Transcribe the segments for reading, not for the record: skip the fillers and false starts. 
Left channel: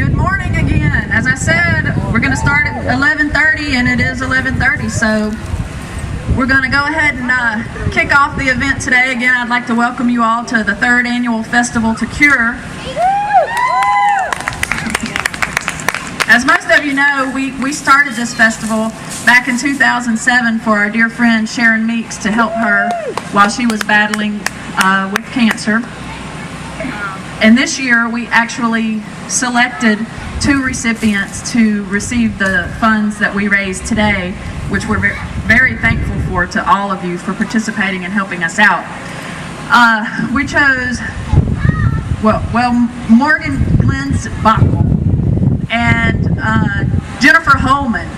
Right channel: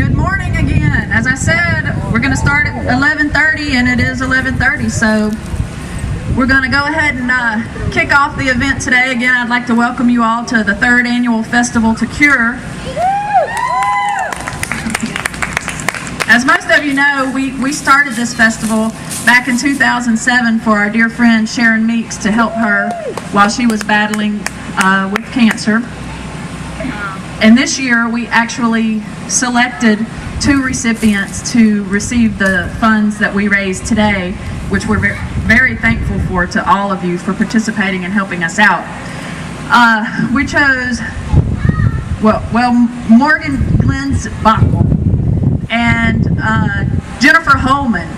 Good morning again. As I said, we're going to start at 11:30, and it is 11:30, so we're going to go ahead and kick off the event today. Again, I'd like to welcome you all to the 3rd Annual Festival to Cure. As most of you know, we started this festival back in 2007 for our dear friend Sharon Meeks to help her while she was battling with cancer. And this year we actually selected 2 recipients to receive the funds that we raised today, which we're very thankful for to all of you for participating and helping us out. We chose, Morgan Glensbachel and Jennifer Holman.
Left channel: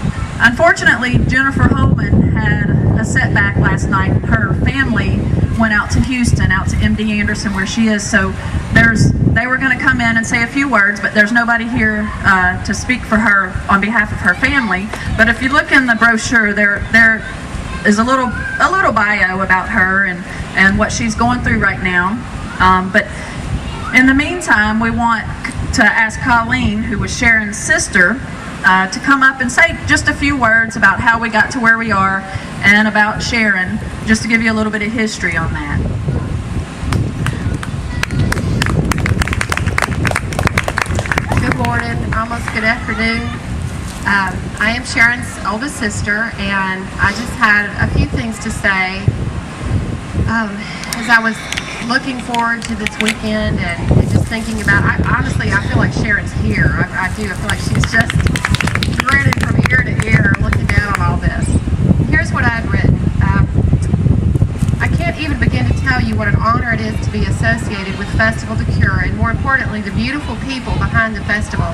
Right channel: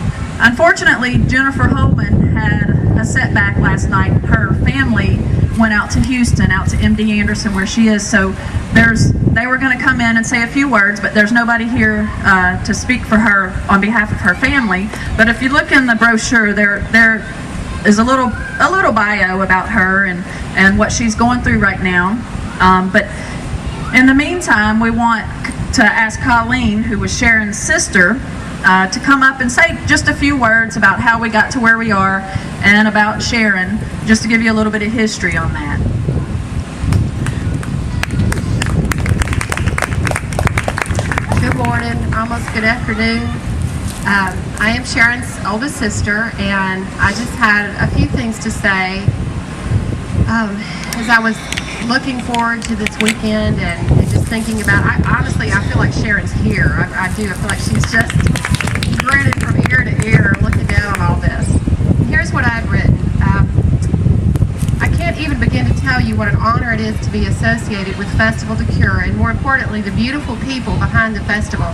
Unfortunately, Jennifer Holman had a setback last night, and her family went out to Houston, out to MD Anderson where she is, so they were going to come in and say a few words, but there's nobody here to speak for her on behalf of her family. But if you look in the brochure, there is a little bio about her and what she's going through right now. But in the meantime, we want to ask Colleen, who was Sharon's sister, to come up and say just a few words about how we got to where we are and about Sharon, just to give you a little bit of history on that. Good morning, almost good afternoon. I am Sharon's oldest sister, and I just had a few things to say. As I was looking forward to this weekend and just thinking about, honestly, I feel like Sharon's here. I do. I feel like she's just grinning from ear to ear looking down on all this. And here's what I've written. I can't even begin to tell you what an honor it is to be associated with Festival to Cure, and more importantly, the beautiful people behind the festival.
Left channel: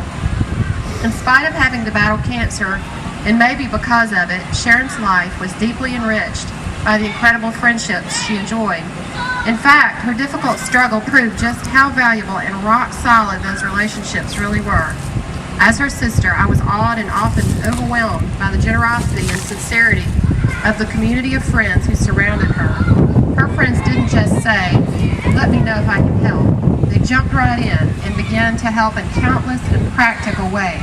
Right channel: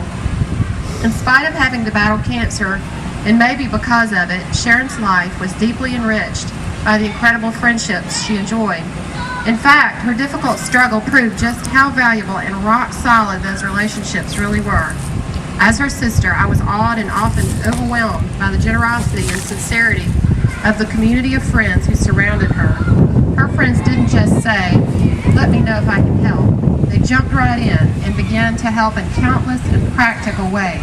In spite of having to battle cancer, and maybe because of it, Sharon's life was deeply enriched by the incredible friendships she enjoyed. In fact, her difficult struggle proved just how valuable and rock solid those relationships really were. As her sister, I was awed and often overwhelmed by the generosity and sincerity of the community of friends who surrounded her. Her friends didn't just say, "Let me know if I can help." They jumped right in and began to help in countless and practical ways.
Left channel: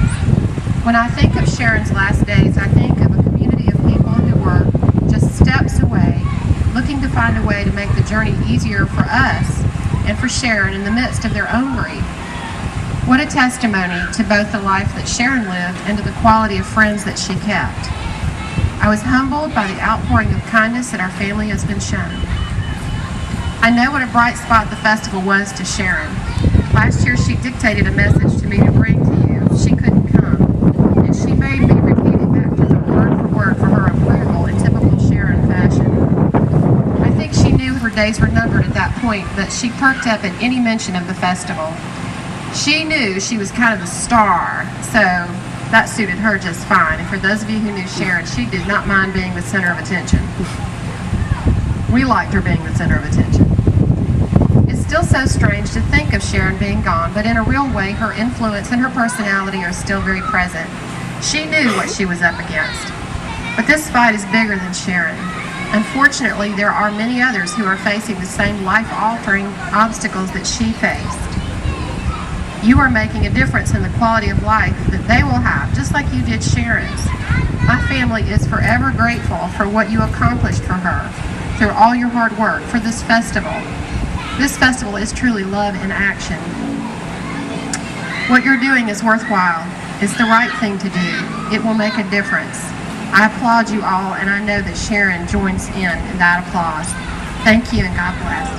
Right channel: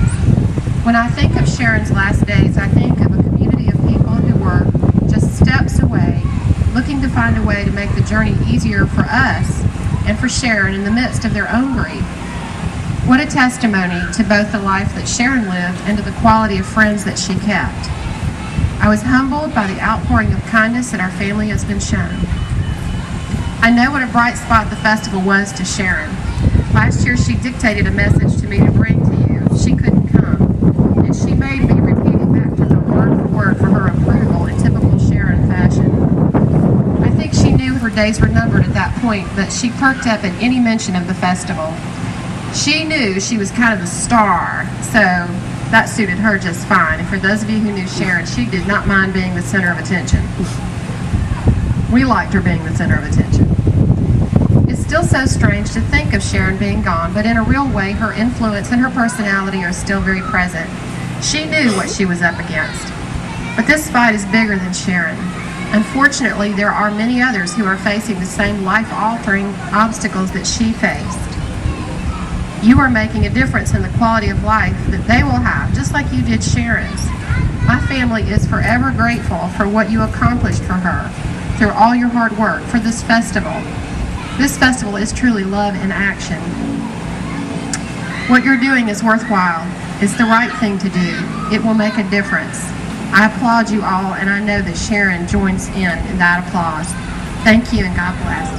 When I think of Sharon's last days, I think of a community of people who were just steps away, looking to find a way to make the journey easier for us and for Sharon in the midst of their own grief. What a testimony to both the life that Sharon lived and to the quality of friends that she kept. I was humbled by the outpouring of kindness that our family has been shown. I know what a bright spot the festival was to Sharon. Last year she dictated a message to me to bring to you. She couldn't come, and she made me repeat it back to her word for word for her approval in typical Sharon fashion. I think she knew her days were numbered at that point, but she perked up at any mention of the festival. She knew she was kind of the star, so that suited her just fine. And for those of you who knew Sharon, she did not mind being the center of attention. We liked her being the center of attention. It's still so strange to think of Sharon being gone, but in a real way, her influence and her personality are still very present. She knew what she was up against. But this fight is bigger than Sharon. Unfortunately, there are many others who are facing the same life-altering obstacles that she faced. You are making a difference in the quality of life that they will have, just like you did Sharon's. My family is forever grateful for what you accomplished for her through all your hard work for this festival. This festival is truly love in action. What you're doing is worthwhile. It's the right thing to do. It will make a difference. I applaud you all, and I know that Sharon joins in that applause. Thank you, and God bless.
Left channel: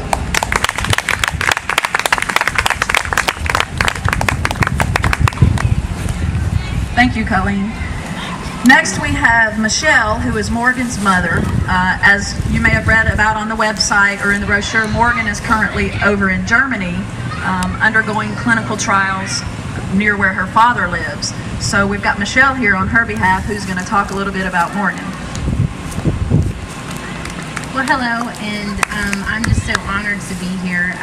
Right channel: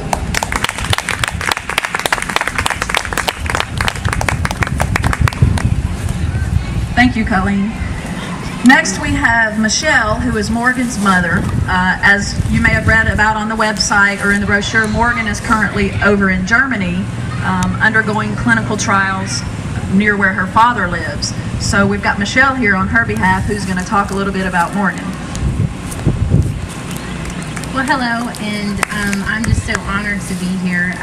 Thank you, Colleen. Next we have Michelle, who is Morgan's mother. As you may have read about on the website or in the brochure, Morgan is currently over in Germany undergoing clinical trials near where her father lives. So we've got Michelle here on her behalf, who's going to talk a little bit about Morgan. Well, hello, and I'm just so honored to be here.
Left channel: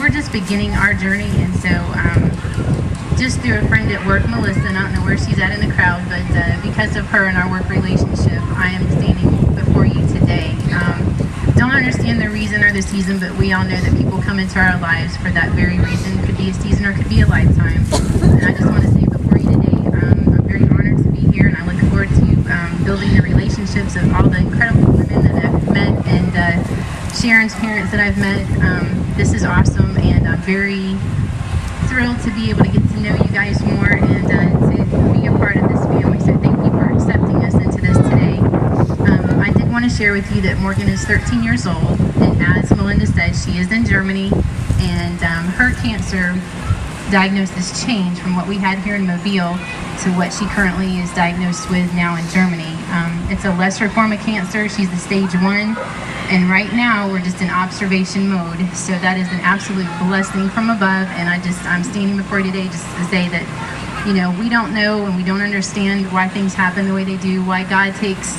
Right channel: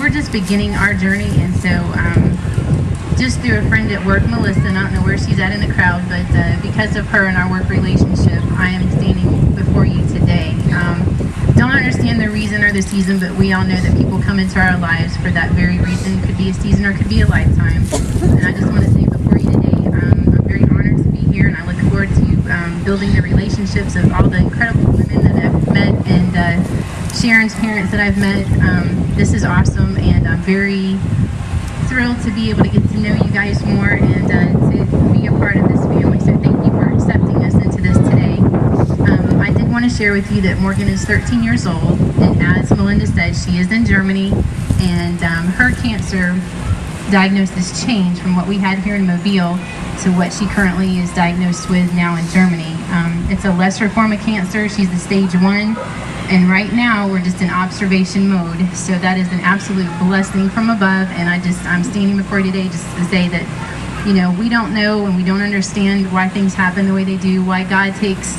We're just beginning our journey, and so just through a friend at work, Melissa, and I don't know where she's at in the crowd, but because of her and our work relationship, I am standing before you today. Don't understand the reason or the season, but we all know that people come into our lives for that very reason. Could be a season or could be a lifetime. And I just want to say before you today, I'm very honored to be here, and I look forward to building the relationships of all the incredible women that I've met and Sharon's parents that I've met. This is awesome, and I'm very thrilled to be able to get to know you guys more and to be a part of this family. So thank you for accepting us into this today. I did want to share with you that Morgan is 13 years old, and as Melinda said, she is in Germany, and her cancer diagnosis changed from what we had here in Mobile to what she currently is diagnosed with now in Germany. It's a lesser form of cancer. She's the stage 1. And right now, we're just in observation mode. So that is an absolute blessing from above. And I'm standing before you today just to say that, you know, we don't know and we don't understand why things happen the way they do, why God takes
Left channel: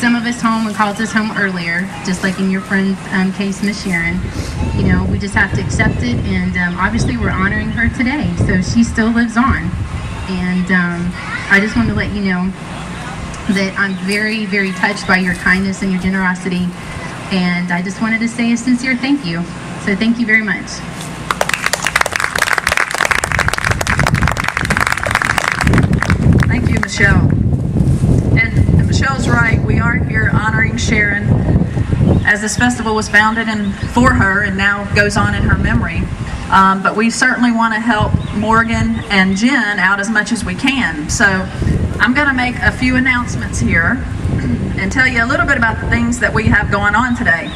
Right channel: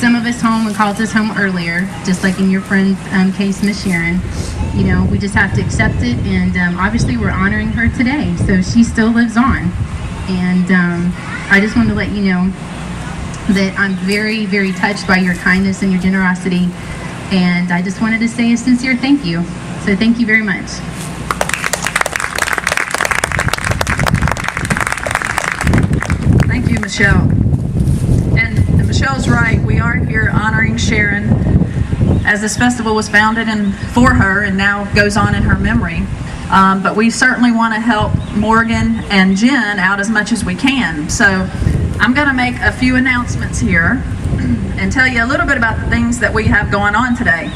some of us home and calls us home earlier, just like in your friend's case, Miss Sharon. You know, we just have to accept it. And obviously, we're honoring her today. So she still lives on. And I just want to let you know that I'm very, very touched by your kindness and your generosity. And I just wanted to say a sincere thank you. So thank you very much. Thank you, Michelle. And Michelle's right. We are here honoring Sharon as this festival was founded for her and now goes on in her memory. But we certainly want to help Morgan and Jen out as much as we can. So I'm going to make a few announcements here and tell you a little bit about the things that we have going on today.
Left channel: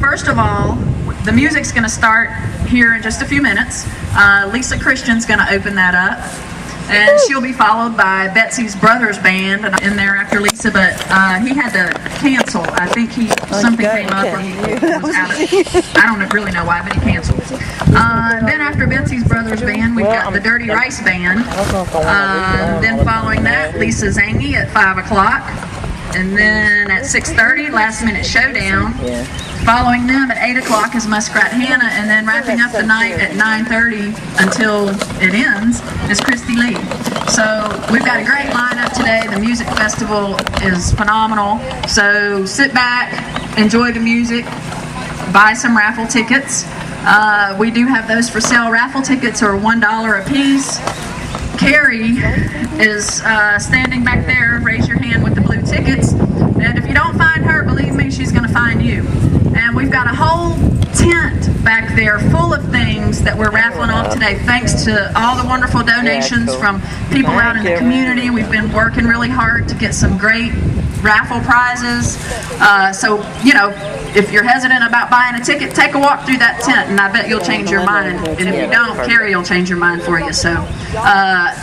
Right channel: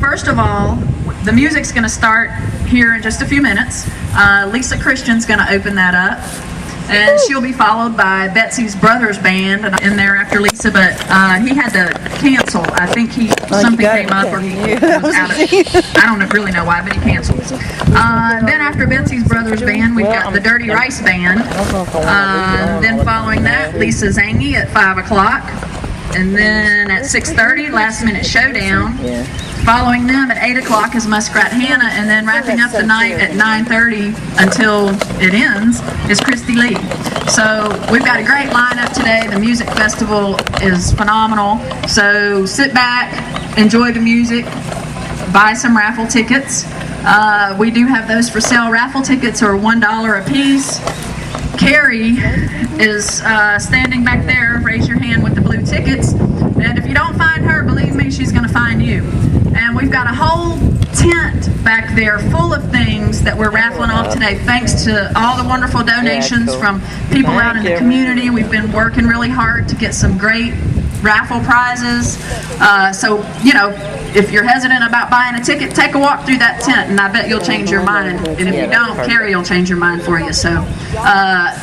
First of all, the music's going to start here in just a few minutes. Lisa Christian's going to open that up, and she'll be followed by Betsy's Brothers Band in there after Lisa, but he had to cancel. I think something came up or he was out of, I don't really know why, but he canceled. Then after Betsy's Brothers Band, we've got the Dirty Rice Band. Then following that, Lisa Zangi at 5 o'clock. And then at 6:30, Last Minute Showdown. Following them at 8 o'clock is Muskrat Hannah, and then wrapping up the night at 9:30 until it ends is Christy Lee. So we've got a great lineup today. The music festival is phenomenal. So sit back, enjoy the music, buy some raffle tickets. We do have those for sale. Raffle tickets are $1 a piece. Carrie is standing back there. Raise your hand with the blue tickets. And if you don't find her, believe me, she's going to find you. And we've got a whole tent back there full of things that we're raffling off today, thanks to all the wonderful donations from people out in the community. We've been working really hard to get some great raffle prizes. So, you know, if you're hesitant about buying a ticket, take a walk through that tent, and I bet you'll change your mind. And if you don't, Carrie will change your mind for you. So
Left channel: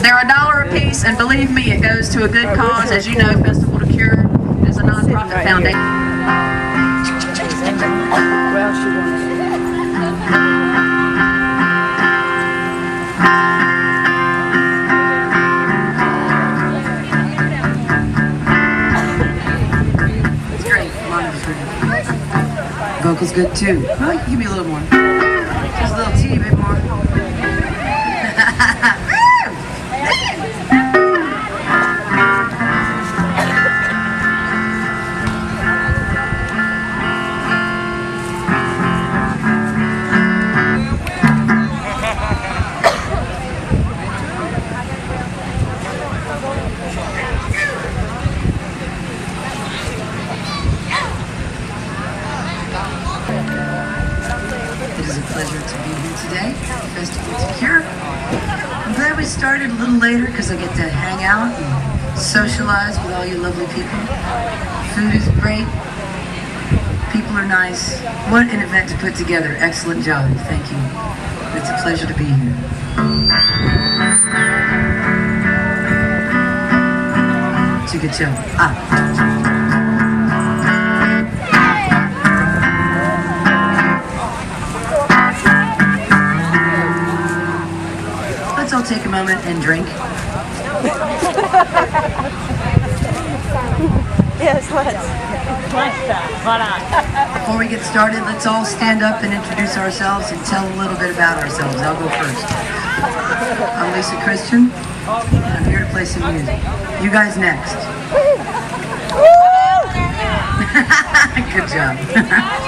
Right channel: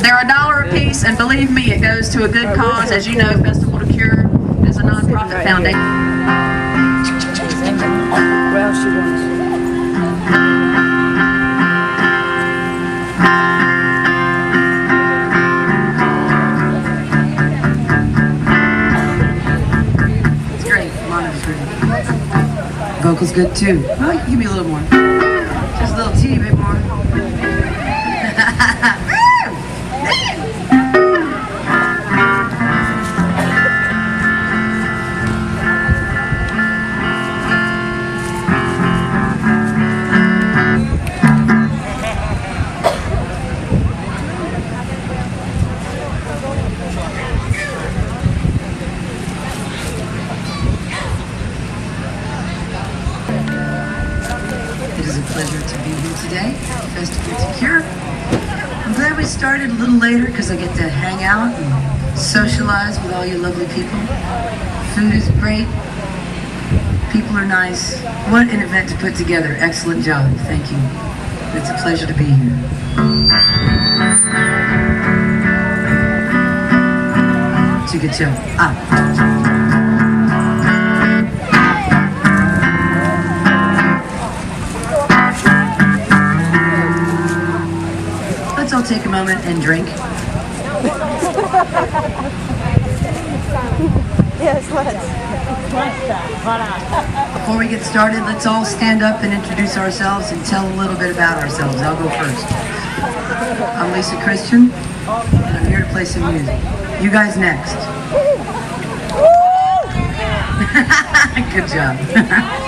they're $1 a piece, and believe me, it goes to a good cause. As you know, Festival to Cure is a nonprofit foundation. Well, she wants. Vocals good too. Well, you can give me a little more. Just a little teeny bit more. It is a pleasure to be here today, Festival to Cure. I'm glad we started a little later because I get to hang out and socialize with all you lovely people. Food is great. People are nice. What an event to put together. Excellent job. Thank you. It's a pleasure to be here. It's a good show. Let's all take a moment and drink. Yes, let's. Before we get started, let's all stand up and introduce ourselves and tell a little bit about ourselves. I'll go first. I'm Lisa Christian, and I'm here to play some music. You guys next. Good job.